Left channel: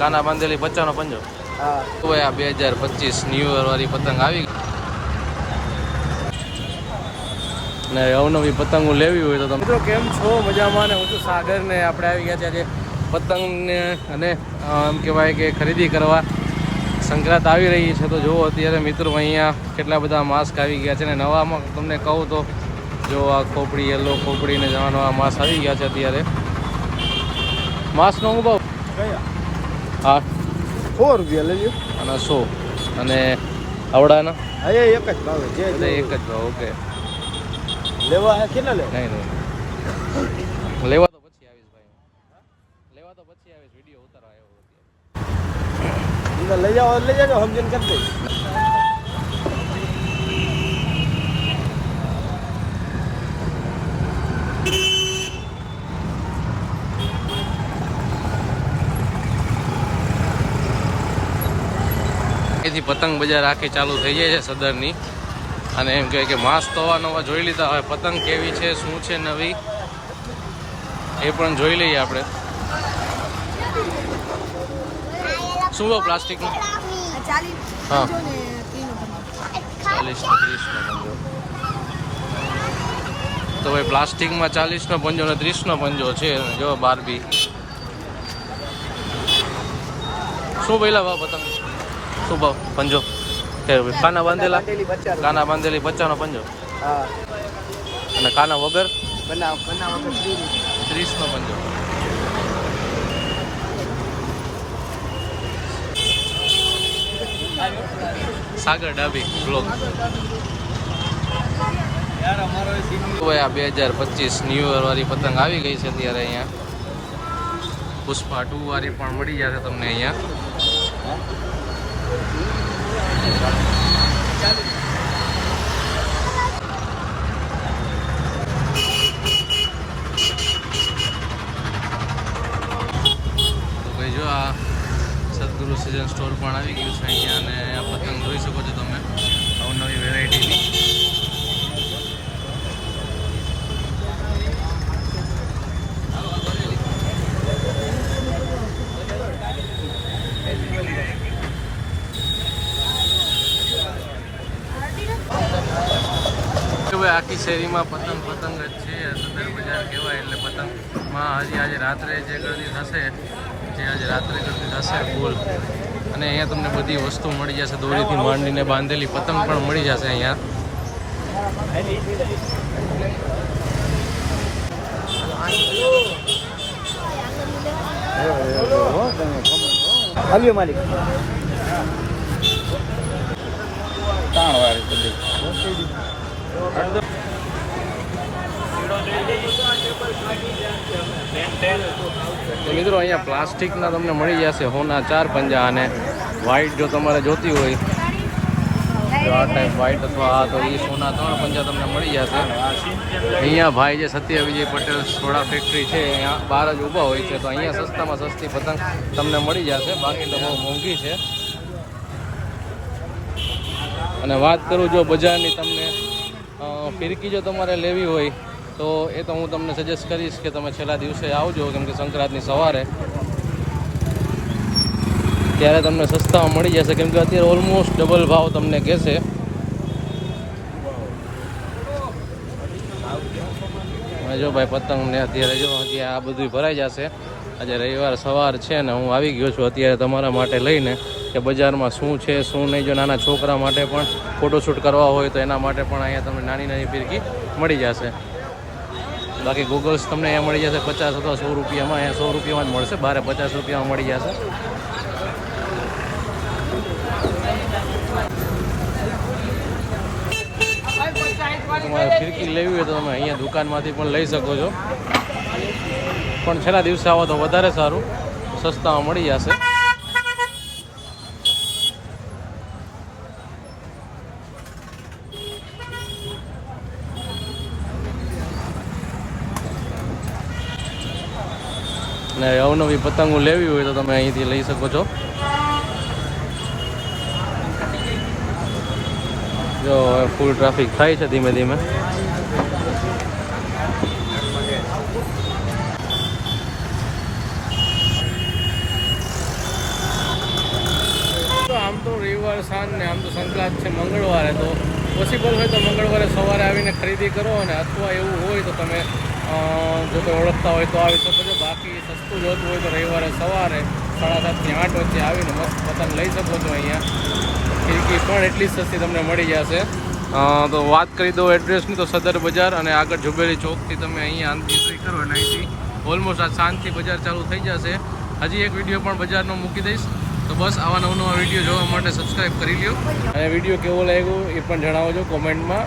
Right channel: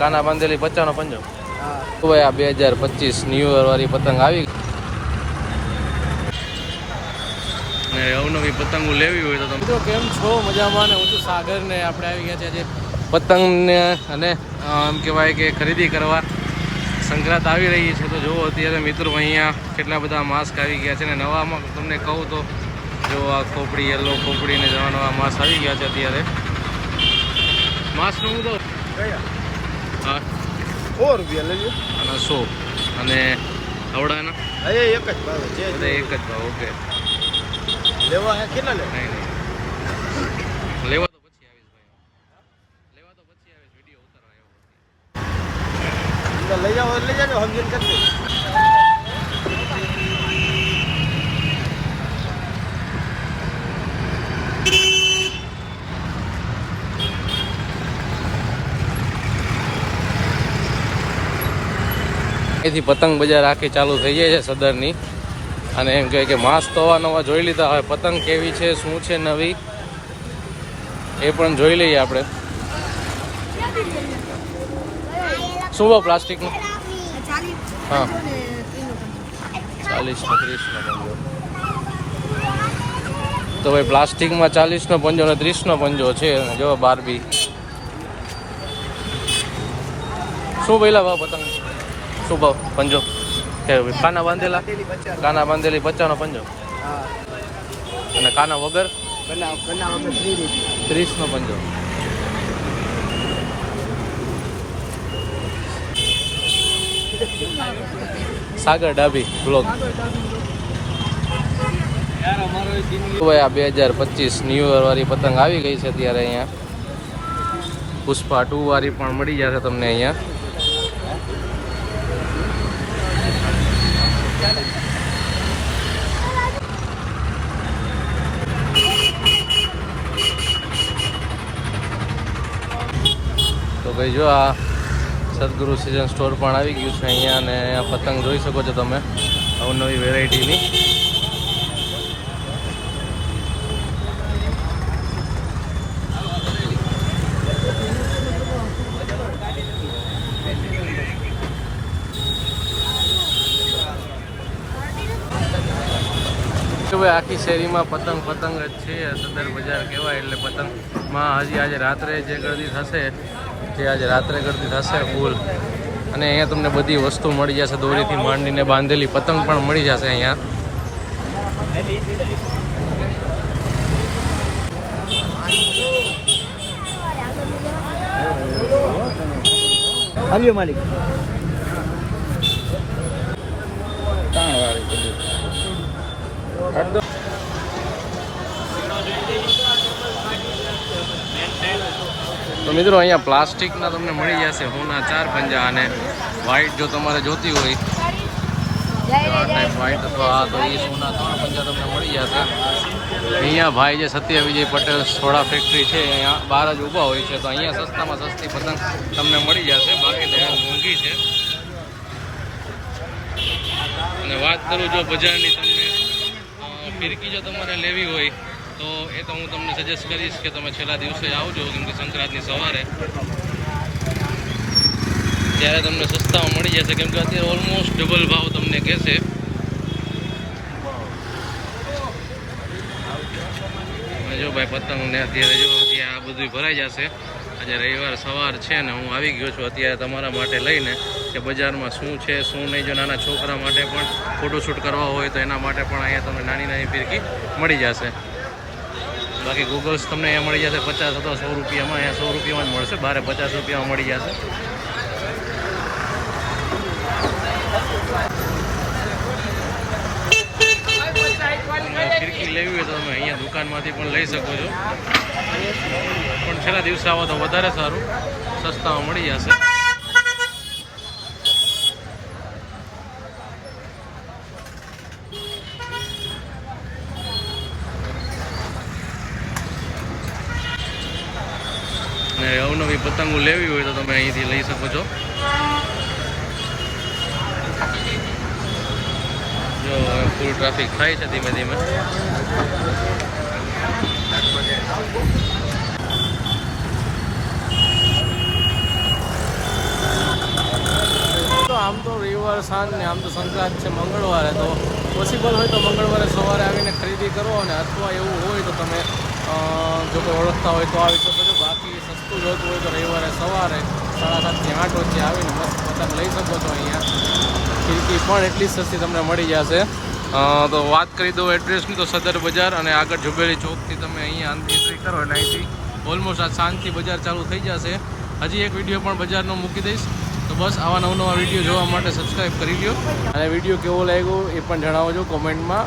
કાના બાંધેલી 50 નો પંજો. તો ભાઈ આ 2025 ન્યુ યર વાળી પતંગ આવી ને અવનવી પતંગો લેવી હોય તો તમે મિત્રો કેમ છો? મજામાં ને હું છું સાગર ને આપણે આવી ગયા છે આજે પતંગને અને એમ કહેવાય કે ખરીદી કરવા. સંક્રાંત આવી રહી છે તો જુઓ અત્યારે મિત્રો અહીંયા કેટલા બધા માસ્ક આવી ગયા છે ને નવામાં તમને કહું તો જો આ ખોપડી યલો ખોપડી ને જવા નવા માસ્ક આવી ગયા છે અત્યારે. માસ્કનો હું ભાવ હા 100 રૂપિયા લેજો અને 100 અને આવડાના બધા એક જ ભાવ. ઓકે લેવા કેટલા લે? નહીં લેવા તો પછી આવીશ ભાઈ, લેવા તો પછી આવીશ, વિડીયો ઉતારવા આવ્યો લઈ જાઓ લઈ જાવ સમજણ કરી દે. એથી પતંગ બજાર આખી ચાલુ થઈ જાય છે સદરની અને એમ કહે કે માસ્ક તો નવા જોઈ લીધા. હવે પતંગ કેવી છે શું છે નવી એ પણ જોઈ લઈએ આપણે. શું ભાવ પ્લાસ્ટિકનું? હા 40 ને 30 નો પંજો. તો ભાઈ પ્લાસ્ટિકમાં 40 નો પંજો ને 30 નો પંજો છે. જો બારબી શું પહેલા ભાવ પતંગ? શું ભાવ પંજો? કાના બાંધેલા 50 નો પંજો અને કાના વગર 30 નો પંજો. સાગર ડાભી બ્લોગ. ભાઈ આ 2025 ન્યુ યર વાળી પતંગ આવી ગઈ છે અત્યારે. અહીંયા પુષ્પા 2 વાળી પણ મળી જશે તમને અહીંયા. ભાઈ જો આ સદગુરુ સીઝન સ્ટોર પણ આવી ગયું છે અહીંયા અને આ પતંગ જોઈ શકો છો તમે નવી વેરાયટીની. આખી શેરીમાં પતંગ પતંગ જ છે. સદર બજાર કહેવાય એટલે પતંગમાં હજી આજે રાત્રે જે ગરદી થશે ફૂલ. અને અહીંયા તમને બધી વસ્તુ મળી જશે, દોરીથી માંડીને બાંધેલી પતંગ પણ મળી જશે અહીંયા. માલિક તો મિત્રો અહીંયા પ્લાસ્ટિકના તમને મળી જશે હોના 4 પંજા અને વ્હાઈટ જો તમારે જોતી હોય જો આ ટાઈપ વ્હાઈટ અથવા આ તો એ સોના 3 પંજા તમને મળી જશે. અહીંયા ભાઈ જે સત્ય વિજય પટેલ સોડા ફેક્ટરી છે અહીંયા બહાર જ ઊભા હોય છે તો અહીંયા સસ્તામાં સસ્તી પતંગ તમને મળી જશે. બાકી તો બહુ મોંઘી છે. અને વાત કરું જો બજારની તમને ફિરકી જો તમારે લેવી હોય તો એ તો હું તમને સજેસ્ટ કરીશ કે તમે છેલ્લા દિવસે આવજો કેમ કે સંક્રાંતની સવારે ત્યારે તમને સસ્તામાં મળી જશે કેમ કે અત્યારે ઓલમોસ્ટ ડબલ ભાવ તમને કહેશે. જો ભાઈ પતંગને અત્યારે જો અત્યારે આ બધું ભરાઈ જશે. આજે રવિવાર સવાર છે ને હું આવી ગયો છું અત્યારે તમારા માટે લઈને કે બજારમાં શું છે શું નહીં. જો નાના છોકરા માટે પણ ફોટોશૂટ કરવા હોય તો એના માટે પણ અહીંયા તમને નાની નાની ફિરકી મળી જશે. બાકી ગૂગલ્સ તમને અહીંયા મળી જશે 50 અથવા 100 રૂપિયામાં. અહીંયા 100 રૂપિયામાં જ મળશે, બારે 50 રૂપિયામાં મળી જશે. તમારે ફિરકી લેવી હોય તો તમે અહીંયા દુકાનમાંથી પણ લઈ શકો છો, પણ છેલ્લા દિવસે આવો તો વધારે સારું, સસ્તામાં મળી જશે. ને અવનવી પતંગો લેવી હોય તો તમે અહીંથી લઈ શકો છો. જો ફૂલ ટ્રાફિક થાય છે ધીમે ધીમે. આમ તો રવિવાર સાંજ ને આમ તો સંક્રાંત છે મંગળવારે, તો પોસિબલ હોય તો મંગળવારે સવારે આવીને ખરીદી કરો, અને અથવા એવું હોય તો તમે જો કોઈ ઓળખતા હોય તો આવી શકો છો. બાકી સસ્તું જોતું હોય તો રવિવારે સવારે 7:30 થી 8 વચ્ચે આવીને મસ્ત પતંગ લઈ શકો છો. અહીંયા ખીડકી પણ એટલી જ સસ્તી તમને મળી જશે. તો વાત કરી દઉં એડ્રેસની તો સદર બજાર, અને આગળ ઝુંબેલી ચોકથી તમે અહીંયા એન્ટ્રી કરો એટલે અહીંથી ઓલમોસ્ટ આ સાંજથી બજાર ચાલુ થઈ જશે. હજી એક વિડીયો પણ બજારનો મૂકી દઈશ, તો બસ આવા નવા વિડીયો જોવા માટે સબસ્ક્રાઈબ કરી દો, અને વિડીયો કેવો લાગ્યો એ પણ જણાવજો કોમેન્ટમાં.